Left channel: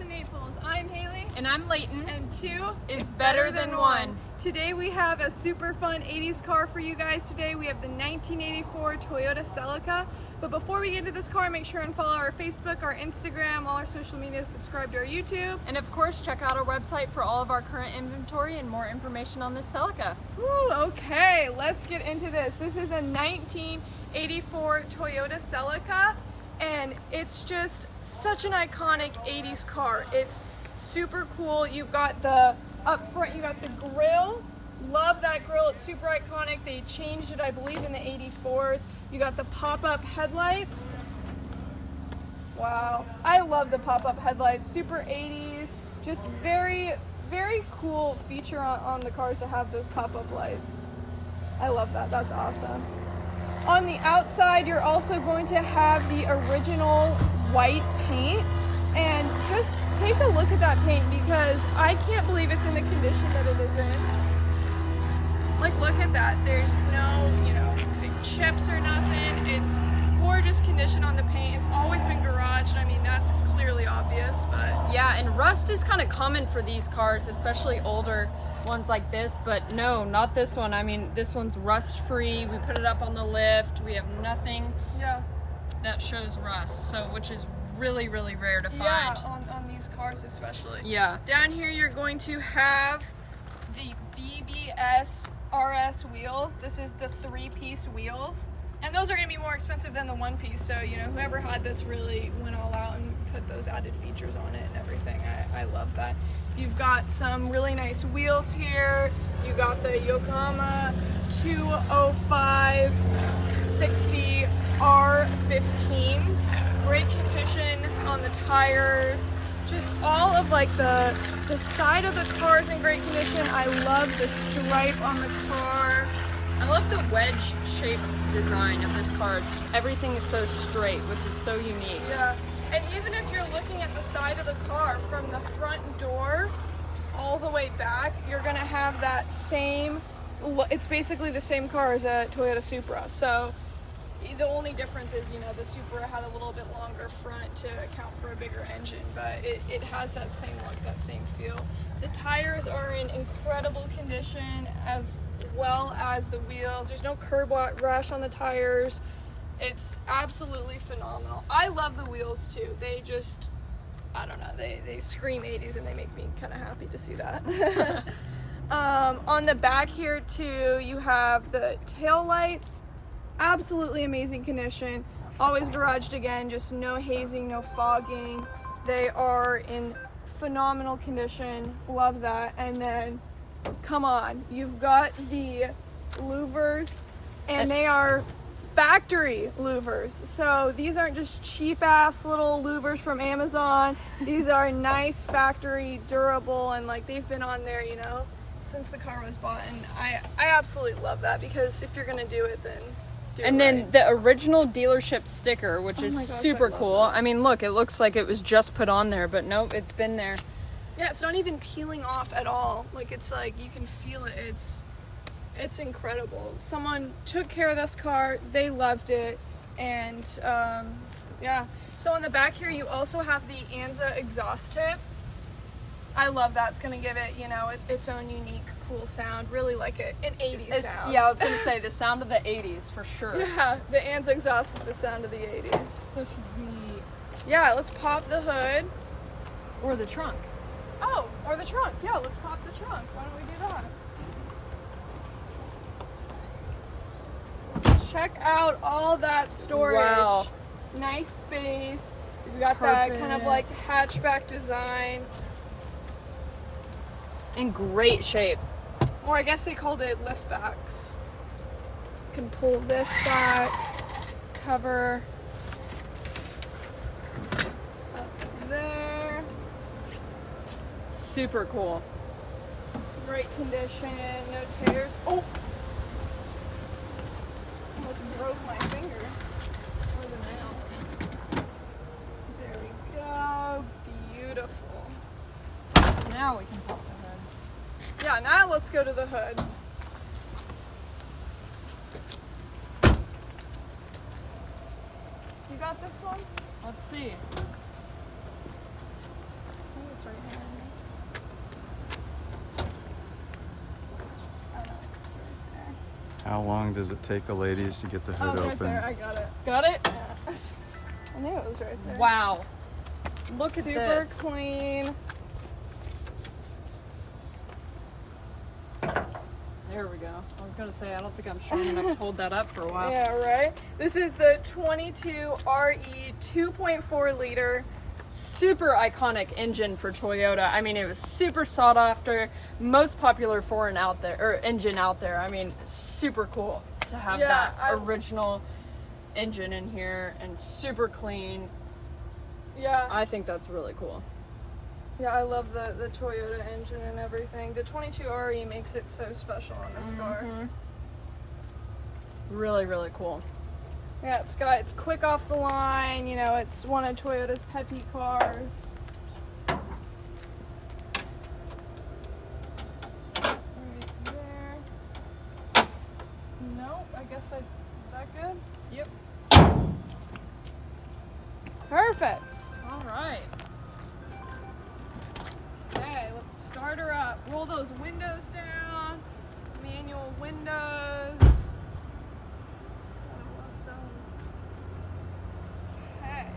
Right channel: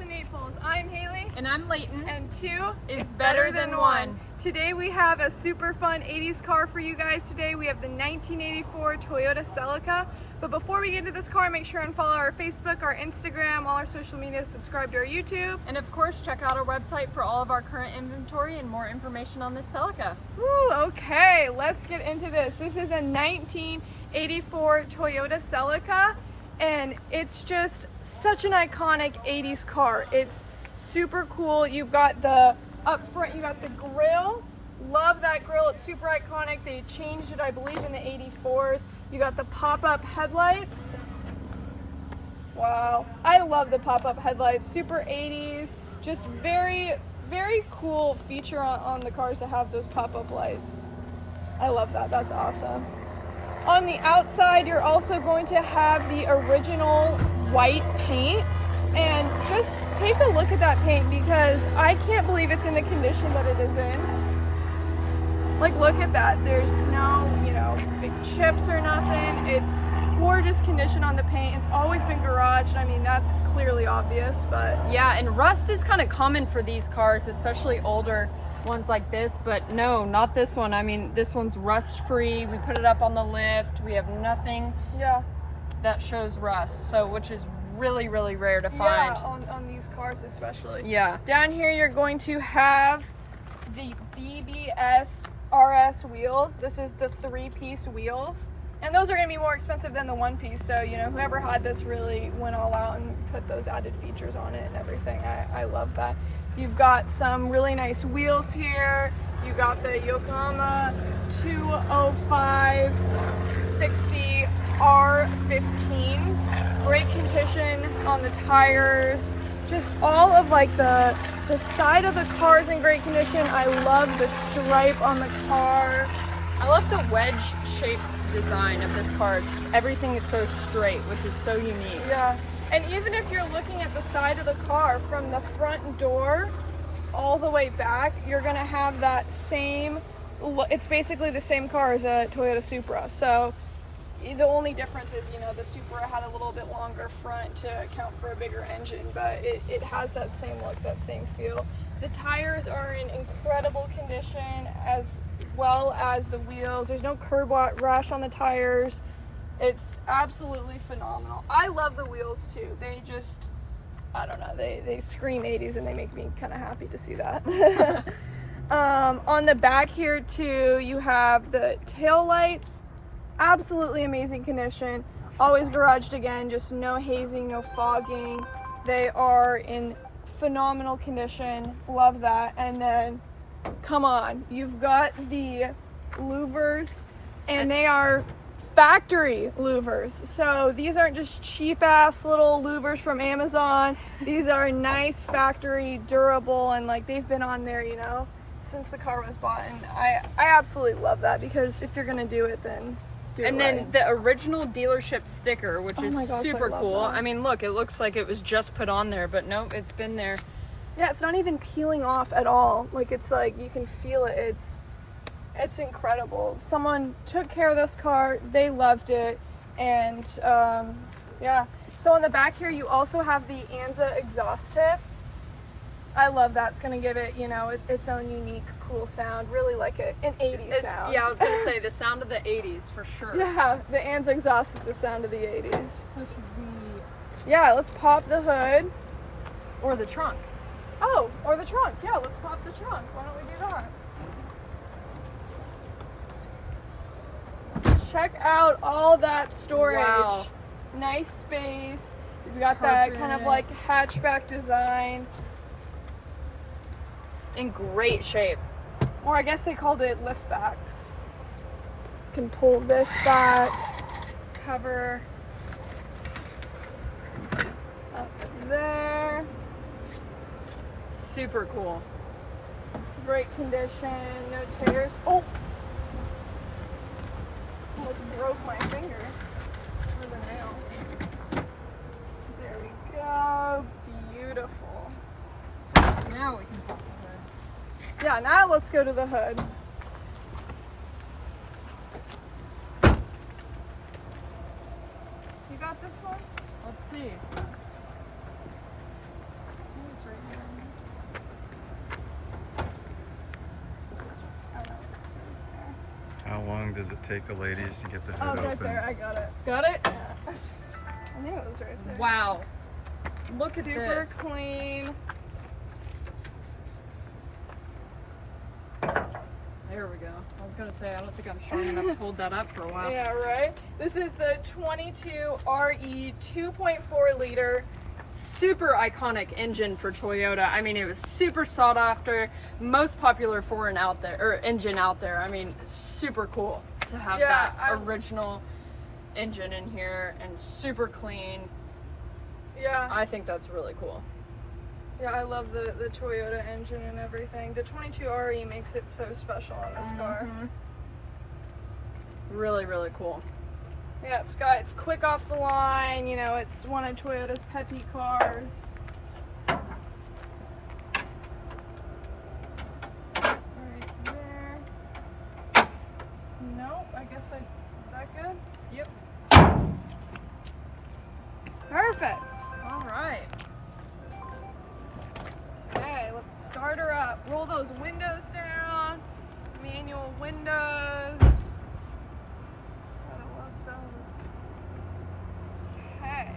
of Naples. I'm Haley. And I'm Leyton. And 2 is better than 1. Today we have a super fun 80s car for you guys today. We have the 1984 Toyota Celica. But before we get into this car, make sure and follow our Facebook, our Instagram, all our social media, subscribe to our YouTube. And of course, check out our website for all of our current inventory and more information on this Celica. Woo, okay, let's get into this. This is a 1984 Toyota Celica, and it's just such an iconic 80s car. It's super cool. You've got the, up front, you got the grille. Love that grille, it's super iconic. They changed it, I believe, in the 84s. You got the pop-up headlights. Wow, I love the pop-up headlights. Super 80s, just very, very cool feature on the cars to have those pop-up lights. I love that, that's awesome. On the outside, you're also going to have the original white paint. And just take a look at that paint because I can't believe it's in the condition that it is in. Like, look at that. There's no, big chips or nothing. It's gorgeous condition on the paint. It's always been garaged. I mean, that's clearly obvious, but... Yeah, and rust is kind of common for these cars, especially older ones like this, but no, not this one. I mean, this one's rust-free. We put it up on the lift. We have nothing that shows rust, so which is really, really rare to find. Yeah, on these cars especially. Yeah. Down here, you're going to have the BBS RS wheels. This is the 3-piece wheels, and those are going to be more expensive than the 1-piece, so whoever had this really went all out and put those added features on it and everything. I love that. You've got some really nice wheels here. You got the Yokohama 205 60 R15s. Great condition on the tires. Just all of like the side of the car is in great condition. I love the stripe on the car. I love the wedge-shaped design of this car. It's just, everything is so straight, which is so unique. Yeah, and even if you're looking at the side of the car from the front door all the way back, you're gonna have that same, it's basically the same car as a Toyota Supra. So the only difference is, the Supra had a little bit longer front to account for a bigger engine, but it has that same look, that same feel. The tires are in incredible condition, as well as the wheels. There's no curb rash on the tires. It's absolutely phenomenal. I love the wheels too. They just, I don't know, they scream 80s and they make me kind of happy to see that. On the back here too, you have the tail lights. Absolutely amazing condition. Always garaged again, just no hazing, no fogging. They are in phenomenal condition. Love that. And then, come on, you've got the louvers, and they are factory louvers. So these aren't just cheap ass little louvers from Amazon. These are nice factory, durable, and like they've been on there, since the car was bought. And I absolutely love that, because if you're gonna do it, then then the original dealership sticker, which is super cool. That. I mean, look, it looks like it was just put on there, but nope, it's been there. Yeah, it's not even peeling off at all. Like, it's like you can feel it. It's incredible. Someone took care of this car. They loved it. And yeah. So on the back here, you also have the Anza exhaust tip. I love that. It's going to give it, its own unique, cool sound. Really like an 80s sound. Yeah, I was going to say the sound of the 80s for sure. Yeah, the Anza exhaust is the sound of the 80s. Yeah, let's pop the hood. Or the trunk. Oh, or the trunk. Yeah, let's pop the trunk. Why don't we do that? Check out all that storage. Wow. Nice space. You've got that kind of like hatchback design. In great shape. Or I guess they called it liftbacks. You can pull this back, cover up there. Super cool. Great condition, no tears. Oh! Almost broke my finger with a nail. There we go. Beautiful. Now we can pop the hood. Yeah, now let's go to the hood. You got this one? Let's see. long does it take the ladies to get the hood it's open? right there. I got it. Got it? Yeah. I knew it was right there. Wow. Look at Super this. clean. There we go. I was gonna say, I don't think I'm strong enough to hold that up for a while. Yeah, right? This is the 22 RE 2.4 liter. Super iconic engine for Toyota. I mean, it was super sought after, most popular foreign out there, or engine out there. I mean, super cool to have that original engine in here and super clean. Yeah. I think that's really cool. Yeah, I love the Toyota engine and everything. The 22 RE makes it so special on this car. Really, really cool. Yeah, it's quick off the line, you know, it's one of Toyota's peppy cars. Right there. Nope, I guess is that good? Yep. Perfect. All right. Okay, let's start her up. Roll those windows down. Manual windows. Gotta love those. Okay.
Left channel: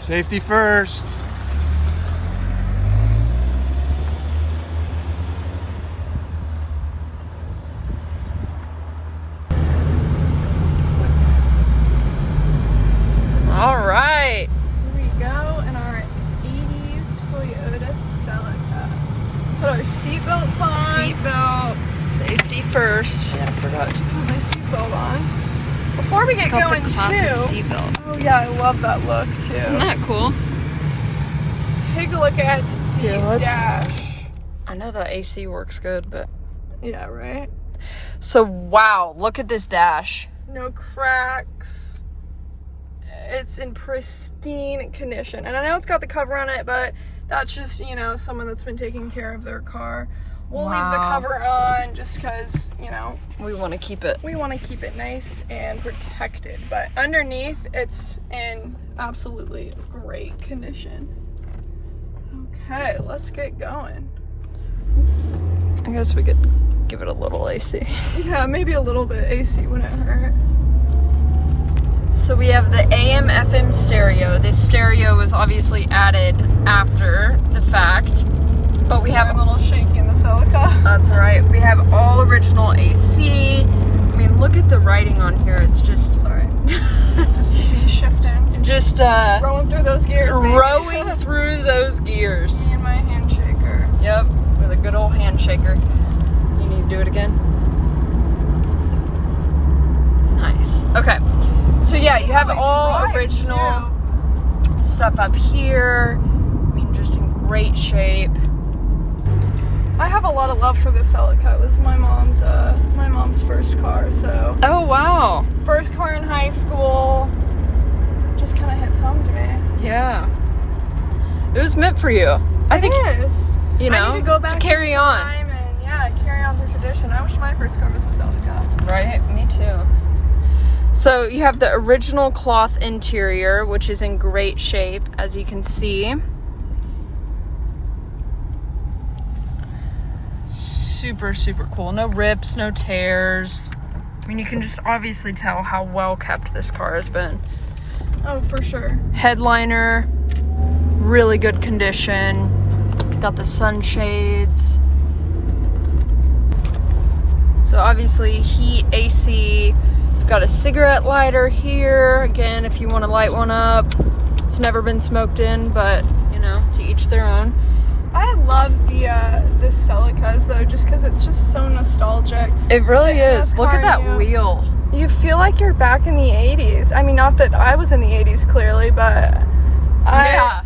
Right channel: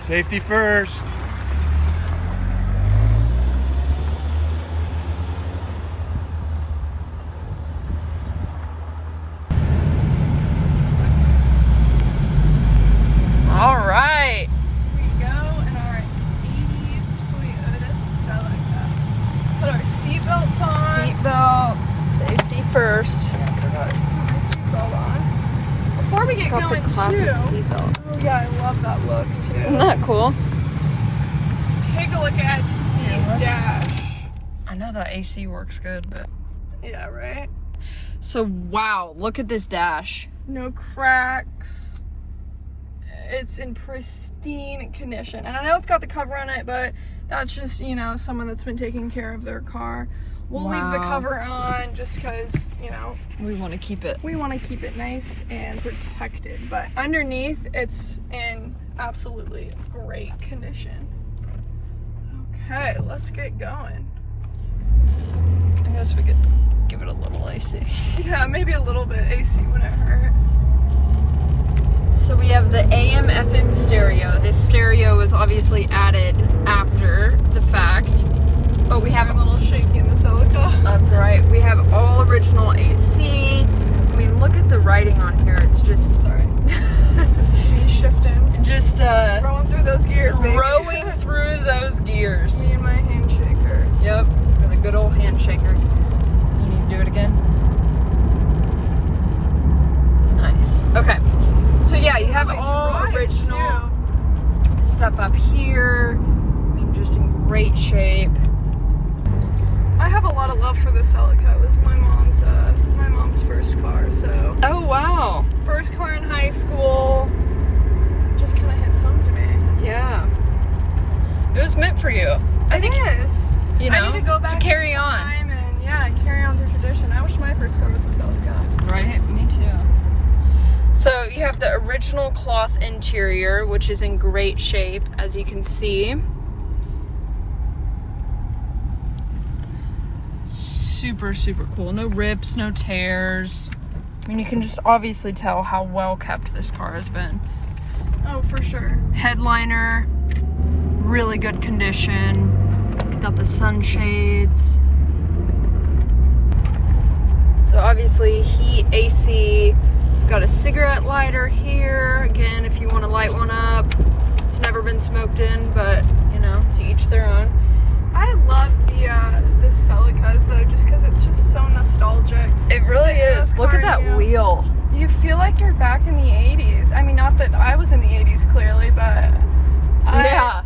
Safety first. All right. Here we go in our 80's Toyota Celica. Put our seatbelts on. Seatbelts, safety first. Yeah, I forgot to put my seatbelt on. Before we get Got going the classic seatbelt. yeah, I love that look too. Isn't that cool? Let's take a look at the dash. I know that AC works good, but. Yeah, right? So, wow, look at this dash. No cracks. It's in pristine condition. And I know it's got the cover on it, but that's just, you know, someone that's been taking care of their car. We'll leave the cover on just because, you know, we want to keep it. we want to keep it nice and protected. But underneath, it's in absolutely great condition. Okay, let's get going. I guess we could give it a little AC. Yeah, maybe a little bit AC, whatever. So we have the AM FM stereo. This stereo was obviously added after the fact, but we have a little shaky in the Celica. That's right. We have all original AC. I mean, look at the writing on here. It's just Sorry. Just shifting. just Rolling through those gears, baby. rowing through those gears. Me and my hand shaker. Yep, with a good old handshaker. You need to do it again. Nice. Okay. So yeah, you have all original stuff up here. I mean, just in great shape. I have a lot of love for the Celica. It was my mom's first car, so. Oh wow. First car in high school. Just kind of hits home to me. Yeah. It was meant for you. I think It is. you know, I need to go back carry in on. time and yeah, carry on the tradition. I wish my first car was a Celica. Right, me too. So you have the original cloth interior, which is in great shape, as you can see. Super, super cool. No rips, no tears. I mean, you can just obviously tell how well kept this car has been. Oh, for sure. Headliner, really good condition. Got the sunshades. So obviously heat, AC. We've got a cigarette lighter here. Again, if you want to light one up. It's never been smoked in, but you know, to each their own. I love the Celicas though, just because it's just so nostalgic. It really Sitting in is. this Look car, at that wheel. You feel like you're back in the 80s. I mean, not that I was in the 80s clearly, but Yeah.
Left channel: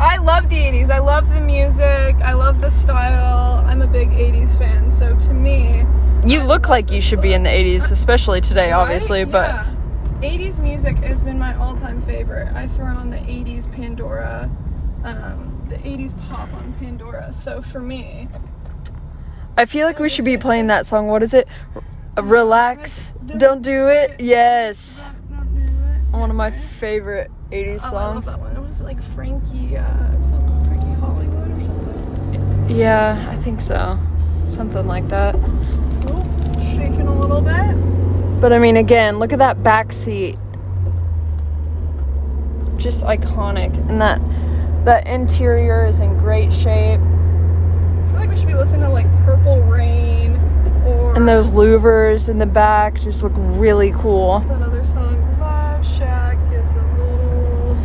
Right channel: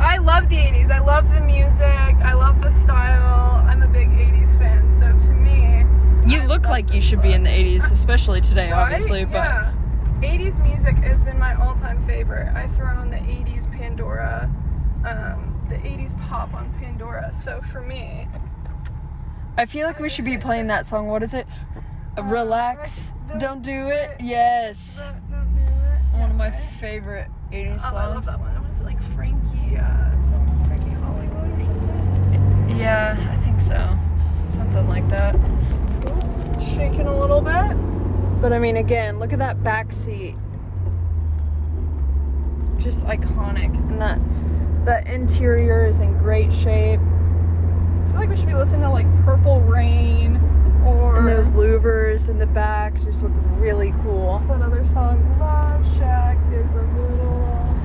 I love the 80s. I love the music. I love the style. I'm a big 80s fan. So to me, You look like you should be in the 80s, especially today, obviously, right? but Yeah. 80s music has been my all-time favorite. I throw on the 80s Pandora, the 80s pop on Pandora. So for me, I feel like we should be playing that song. What is it? Relax, don't do it. Yes. One of my favorite 80s Oh, I love songs. that one. It was like Frankie Hollywood or something. Yeah, I think so. Something like that. Oh, shaking a little bit. But I mean, again, look at that back seat. Just iconic. And that interior is in great shape. I feel like we should be listening to like Purple Rain or... And those louvers in the back just look really cool. What's another song? Love Shack is a little...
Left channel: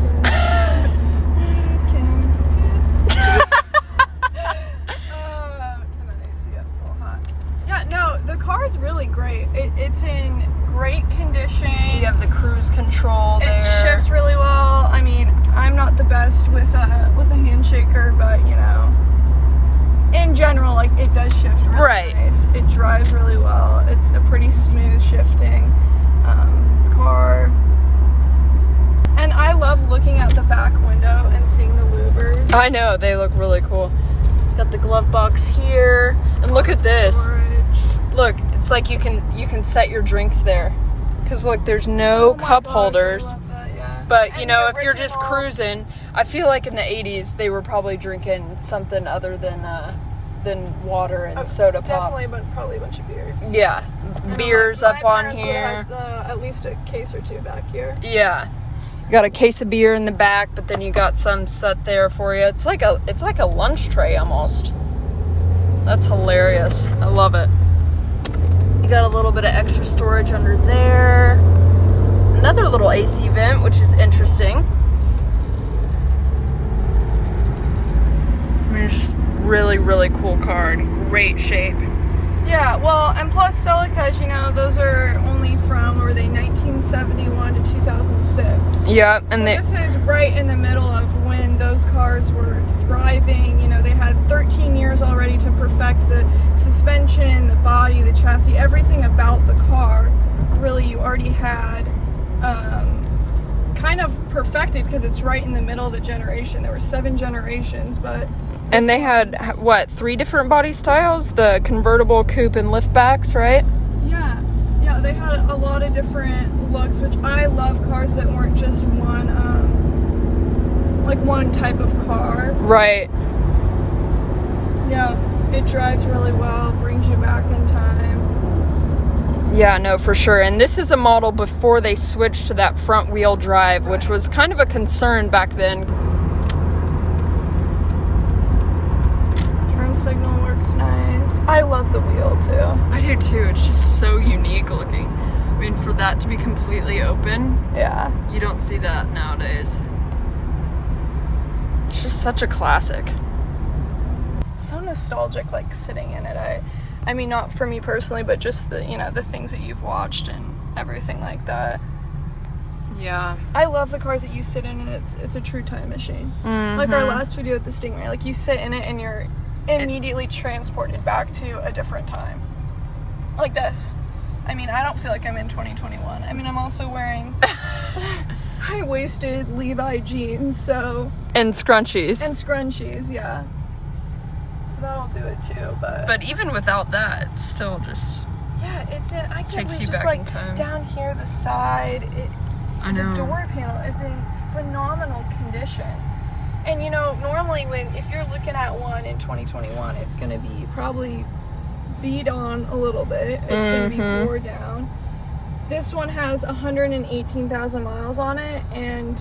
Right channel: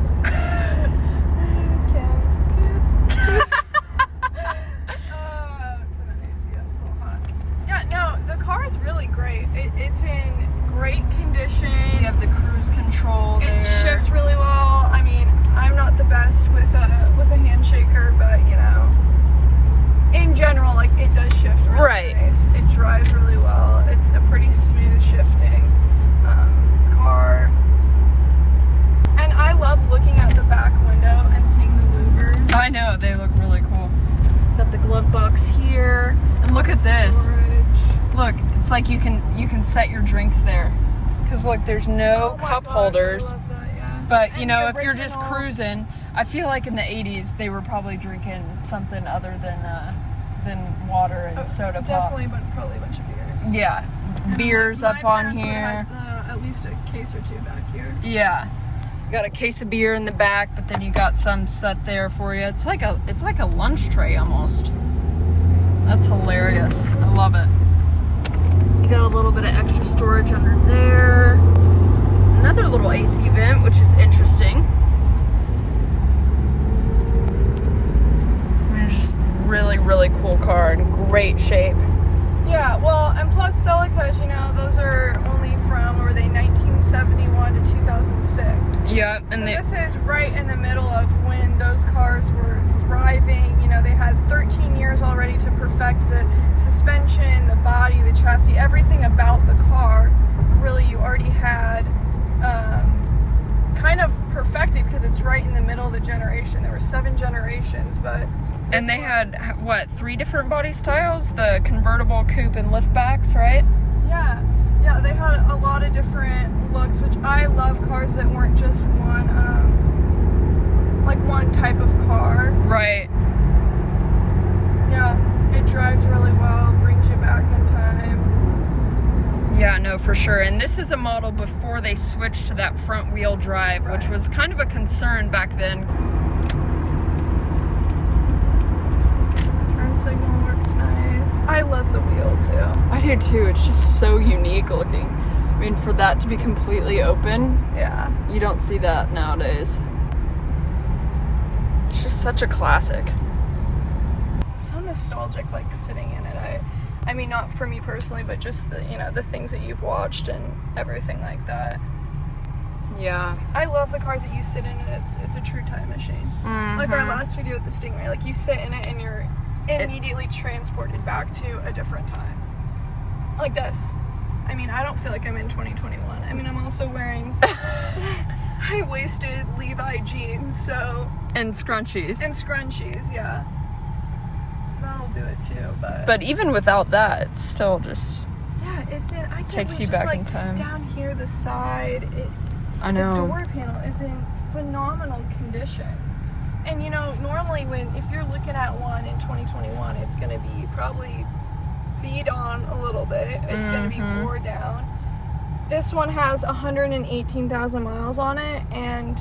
Can I see it? It's so hot. Yeah, no, the car is really great. It's in great condition. You have the cruise control there. It shifts really well. I mean, I'm not the best with a handshaker, but you know, in general, like it does shift really Right. nice. It drives really well. It's a pretty smooth shifting car. And I love looking out the back window and seeing the louvers. I know, they look really cool. Got the glove box here. And look at this. Storage. Look, it's like you can set your drinks there. Cause look, there's no Oh my cup gosh, holders. I love that, yeah. But you And know, the if you're just original- cruising, I feel like in the 80s they were probably drinking something other than water and soda pop. Definitely, but probably a bunch of beers. Yeah, And beers my up on parents would here. have, at least a case or two back here. Yeah, you got a case of beer in the back, but then you got some set there for you. It's like a lunch tray almost. That's hilarious. I love it. You got a little bit of extra storage under there. Another little AC vent, which is interesting. I mean, it's just really, really cool car in great shape. Yeah, well, and plus Celicas, you know, those are only from, or were they 1971 to 2006? Yeah, and So they, this is right in the middle of when those cars were thriving. You know, they had 13 years already to perfect the suspension, the body, the chassis, everything about the car. Really, you already had kind of perfected because it's right in the middle of the generation. There were 7 generations, but... and they had, what, 3 different body styles? The convertible, coupe, and liftbacks, right? Yeah, they had a lot of different looks, which I love cars that weren't just one type of car. Right. Yeah, it drives really well, brings you back in time. Yeah, no, for sure. And this is a model before they switched to that front wheel drive, which was kind of a concern back then. Turn signal works nice. I love the wheel too. I do too. It's just so unique looking. I mean, for that to be completely open, Yeah. you don't see that nowadays. It's just such a classic. So nostalgic, like sitting in it. I mean, not for me personally, but just the, you know, the things that you've watched and everything like that. Yeah. I love the cars that you sit in, and it's a true time machine. Mm-hmm. Like our last video with the Stingray, like you sit in it and you're immediately transported back to a different time. Like this. I mean, I don't feel like I'm in 2021. I mean, I'm also wearing high-waisted Levi jeans, so... And scrunchies. And scrunchies, yeah. That'll do it too, but... But even without that, it's still just... Yeah, it's in... I can't Takes believe you just, back like, in time. down here, the side, I know. the door panel is in phenomenal condition. And you know, normally if you're looking at one in 2021, it's going to be probably beat on a little bit. It's going to be wore down. This one has 118,000 miles on it, and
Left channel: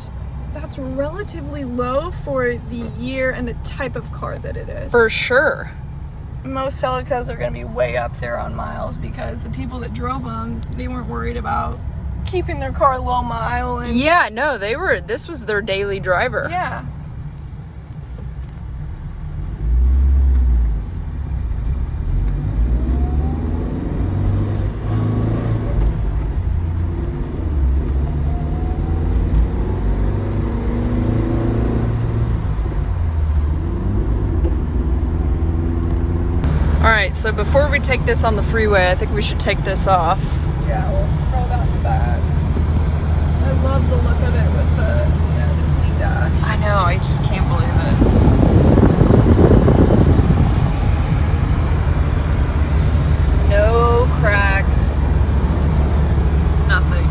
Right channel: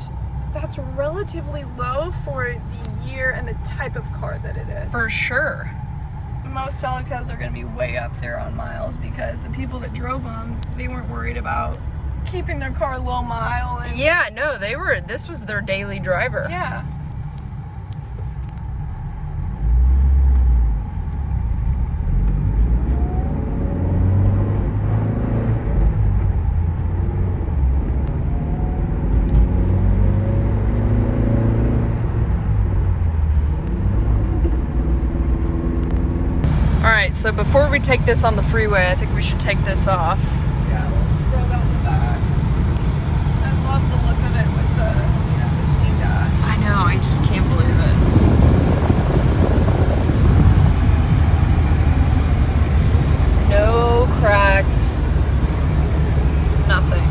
that's relatively low for the year and the type of car that it is. For sure. Most Celicas are going to be way up there on miles because the people that drove them, they weren't worried about keeping their car low mile. And, Yeah, no, this was their daily driver. yeah. so before we take this on the freeway, I think we should take this off. Yeah, we'll throw that in the back. I love the look of it with the, the clean dash. I know, I just can't believe it. No cracks. Nothing.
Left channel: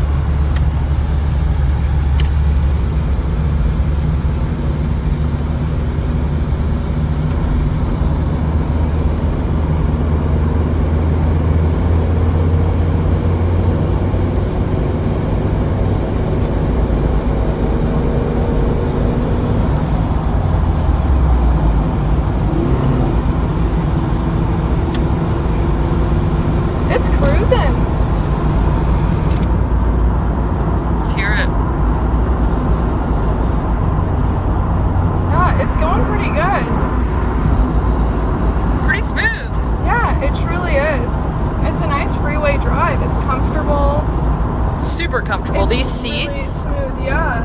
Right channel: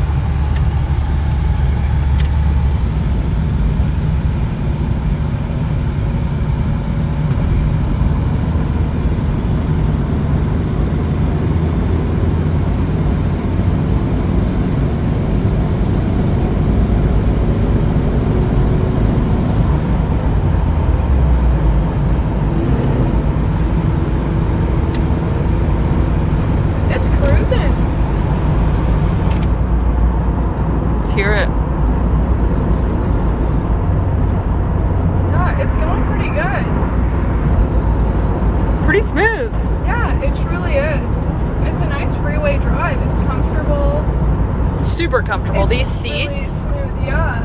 Super comfortable. These seats, really smooth, yeah.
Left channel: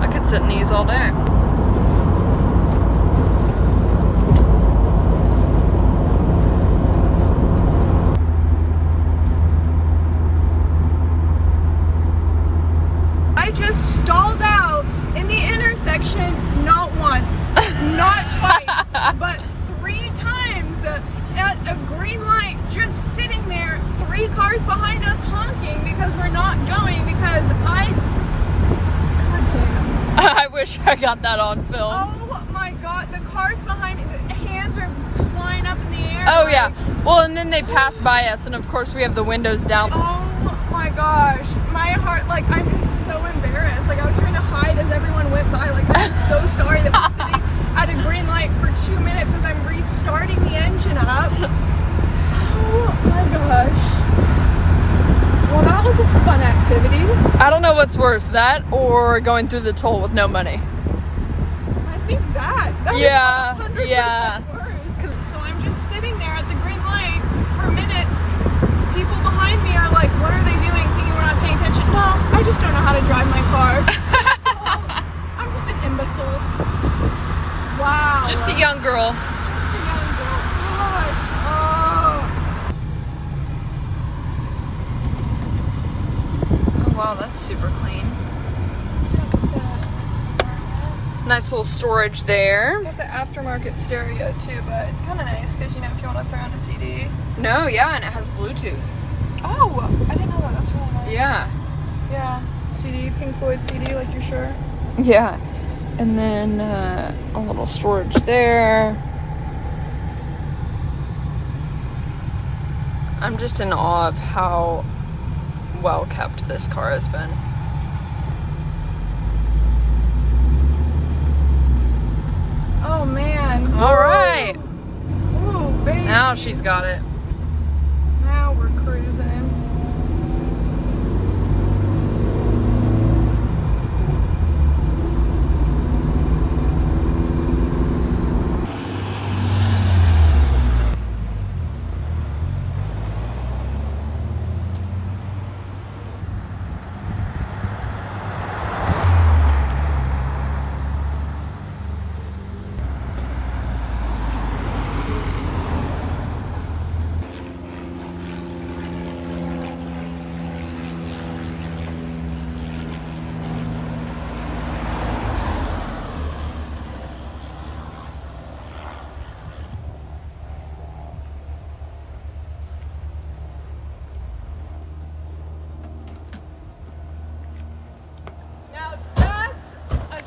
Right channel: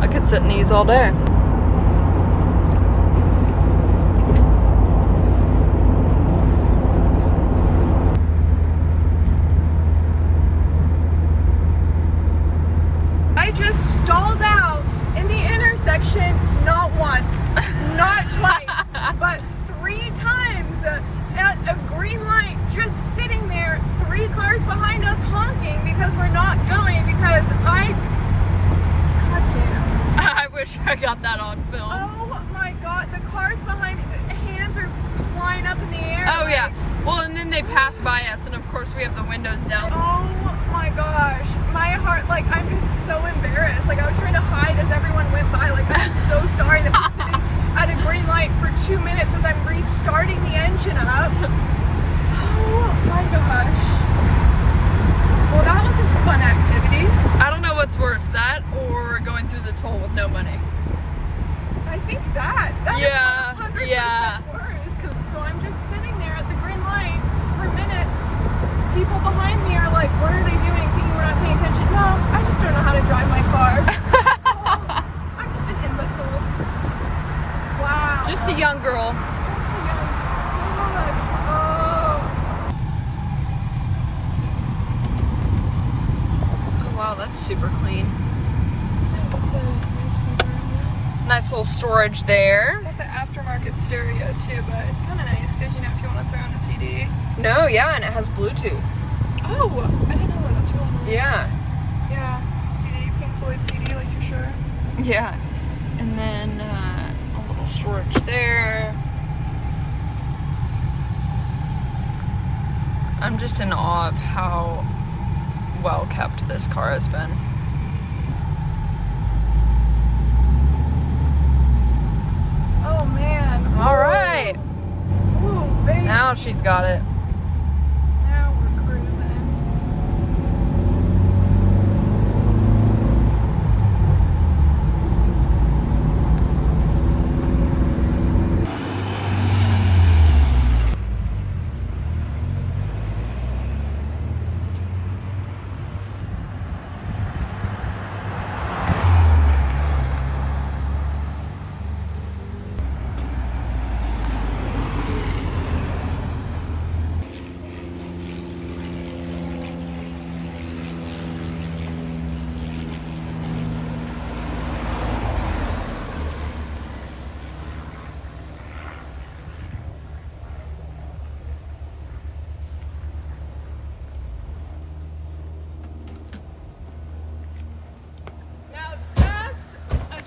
I could sit in these all day. I just stalled out in the intersection not once, not twice, but 3 times at a green light, just sitting there, 3 cars behind us honking because we're not going because I wish I got that on film. Oh my god, the cars behind, hands are flying up in the air. Oh yeah, well, and then they pass by us, and of course we have the windows down. Oh my gosh, my heart, like, I'm just so embarrassed. Like, I was trying to hide as everyone went by. Like, I'm so sorry that we're sitting at a green light for 2 minutes as I'm restarting the engine up. Oh my gosh. Well, that was a fun activity. I don't know what's worse, that or going through the toll with no money. I think that. Yeah, is 100% yeah. worse. So I'm just sitting there at the green light for minutes. People behind me are like, what are they doing? Thinking we're not paying attention. No, I just don't know how to drive my car. That's all. I'm just an imbecile. Wow. Just a young girl. Just a young girl. Gosh. Oh wow, that's super clean. That's a nice environment. Nice little storage there. Got the aftermarket stereo too, but it's kind of nice because, you know, if you want to throw in a CD. No, yeah, and it has Bluetooth. Oh, I didn't know that. That's really nice. Yeah. Yeah. CD, Pink Floyd CD, like you're sure. Yeah. And then a little storage there. I'm just in awe of how well kept this car has been. Oh man. All right. Ooh, baby. Now she's got it. Now we're cruising.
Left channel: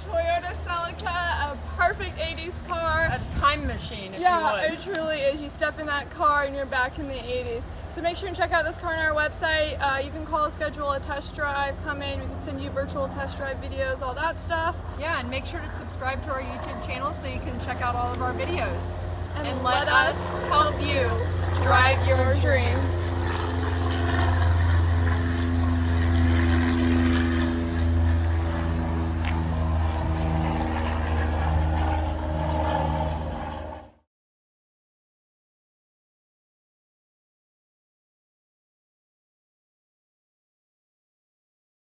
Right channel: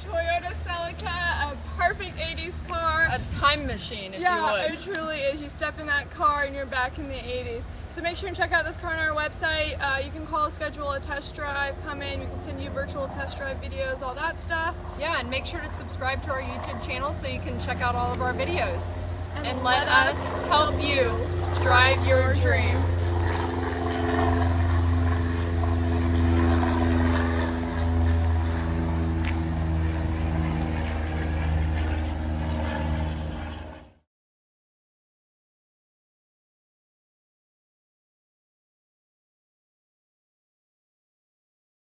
Toyota Celica, a perfect 80s car. A time machine, if you Yeah, would. it truly is. You step in that car and you're back in the 80s. So make sure and check out this car on our website. You can call, schedule a test drive, come in, we can send you virtual test drive videos, all that stuff. Yeah, and make sure to subscribe to our YouTube channel so you can check out all of our videos. And let us help you drive your dream.